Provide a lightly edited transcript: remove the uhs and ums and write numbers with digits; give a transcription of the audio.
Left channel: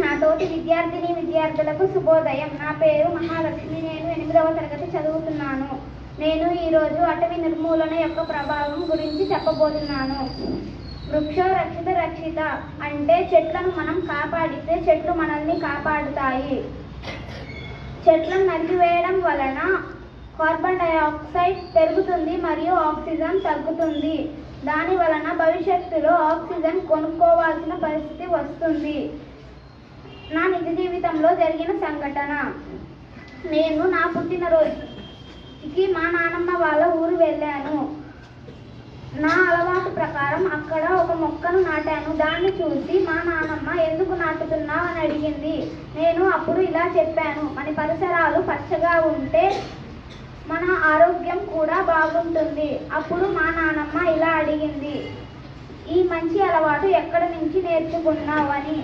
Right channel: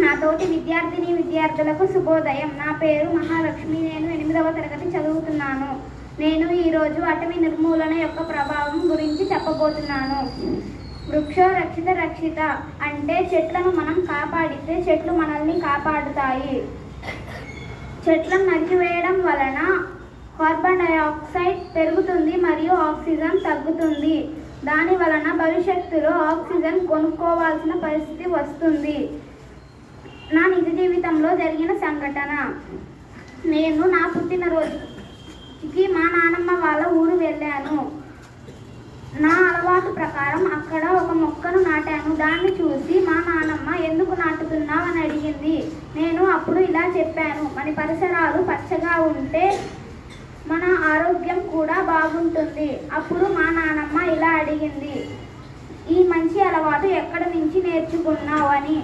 నా తోటి విద్యార్థులకు శుభోదయం. నా పేరు మహాలక్ష్మి. నేను 8వ తరగతి చదువుతున్నాను. నేను ఈరోజు అటవీ నిర్మూలన యొక్క ప్రభావం గురించి చెప్పబోతున్నాను. వృక్షో రక్షిత రక్షిత అంటే చెట్లను మనం కాపాడితే చెట్లు మనల్ని కాపాడుతాయి. చెట్లను నరికివేయడం వలన కార్బన్ డయాక్సైడ్ పెరుగుతుంది మరియు ఆక్సిజన్ తగ్గుతుంది. దాని వలన భవిష్యత్తులో ఆక్సిజన్ కొనుక్కోవాల్సిన పరిస్థితి వస్తుంది. నా నిజ జీవితంలో జరిగిన సంఘటన. నేను నా పుట్టినరోజుకి మా నాన్నమ్మ వాళ్ళ ఊరు వెళ్ళాను. నా అలవాటు ప్రకారం అక్కడ ఒక మొక్కను నాటాను. దాన్ని చూసి మా నాన్నమ్మ ఎందుకు నాటుతున్నావు అని అడిగింది. నేను అప్పుడు ఇలా చెప్పాను, మన పరిసరాలు పచ్చగా ఉంటే మన ఆరోగ్యం కూడా బాగుంటుంది. అప్పుడు మా నాన్నమ్మ ఇలా అడిగింది, ఈ మంచి అలవాటు ఎక్కడి నుంచి నేర్చుకున్నావు అని.